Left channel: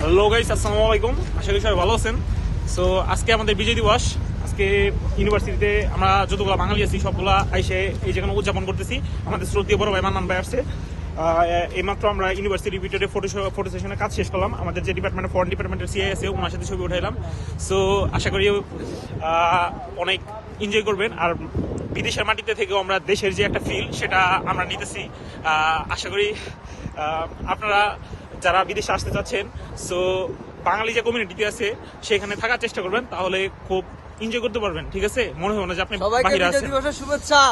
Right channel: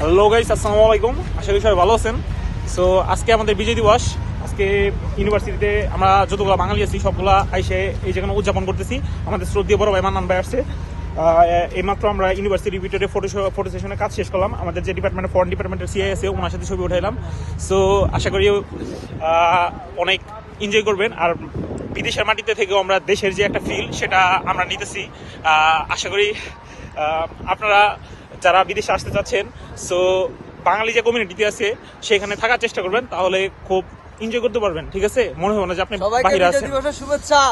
Hello guys আসসালামু আলাইকুম। আশা করি সবাই ভালো আছেন। সো আজকে আমাদের বিজয় দিবস। আজকে ইউনিভার্সিটিতে আমরা যতগুলো বাঙালি আছি সবগুলা আইসে এই যেখানে উদযাপন করতেছি। আমাদের শ্রদ্ধীয় বড় ভাই মান্নান ভাই আহ, এইমাত্র আমরা ইউনিভার্সিটি ভিতরে ফটো ফটো সেশনের কাজ শেষ করলাম। আমাদের যে ডিপার্টমেন্টে ফরেন ডিপার্টমেন্টের সিআই আছে ওনার সাথে ছবি উঠাইলাম। সো আশা করি অনেক এনজয় করবেন। আর বিদেশের মাটিতে থেকেও আমরা দেশের যে একটা ফিল সেটা আমরা নিতেছি। আশা করি আপনারা যারা বিদেশে আসতে চাচ্ছেন সো বাঙালি যে কমিউনিটিতে আছে সেখানে থাকার চেষ্টা করবেন তাহলে খুব এনজয় করতে পারবেন ঠিক আছে? মনে হবে না যে আপনি বাহিরে আছেন। শুভেচ্ছা।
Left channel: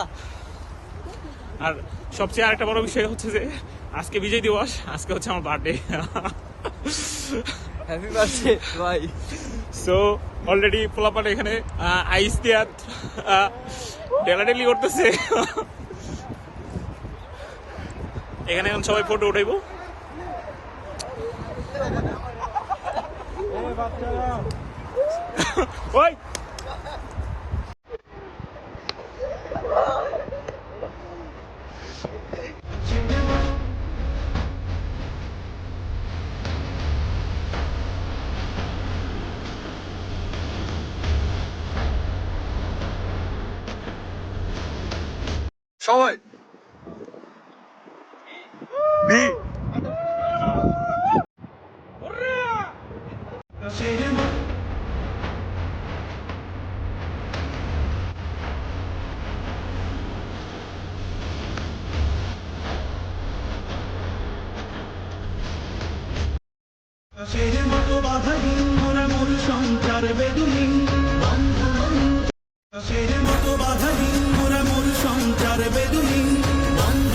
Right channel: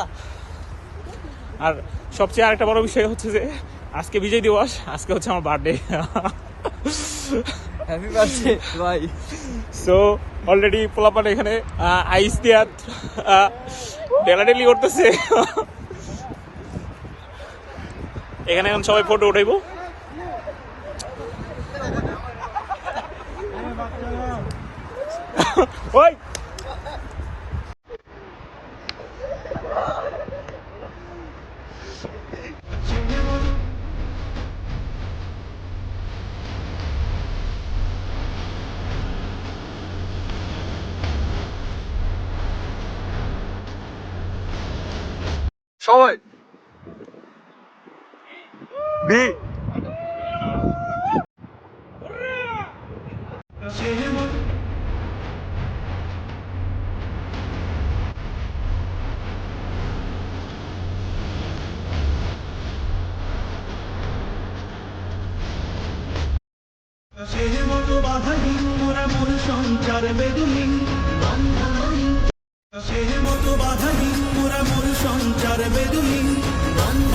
আর সবচেয়ে আরেকটা বড় বিষয় হচ্ছে যে আজকে বিজয় দিবস আজকে হচ্ছে আমার বার্থডে হ্যাপি বার্থডে ভাই। সো অলরেডি পোলাপান এখানে আইস দিয়া ডেলাডেলি করতেছে। এখানে এখন সবাই ফটো উঠাইবো। Ôi! Show it. B. আকাশের মতো বাধাহীন মোরা মোর সঞ্চার বেদুহীন আকাশের মতো বাধাহীন মোরা মোর সঞ্চার বেদুহীন বন্ধন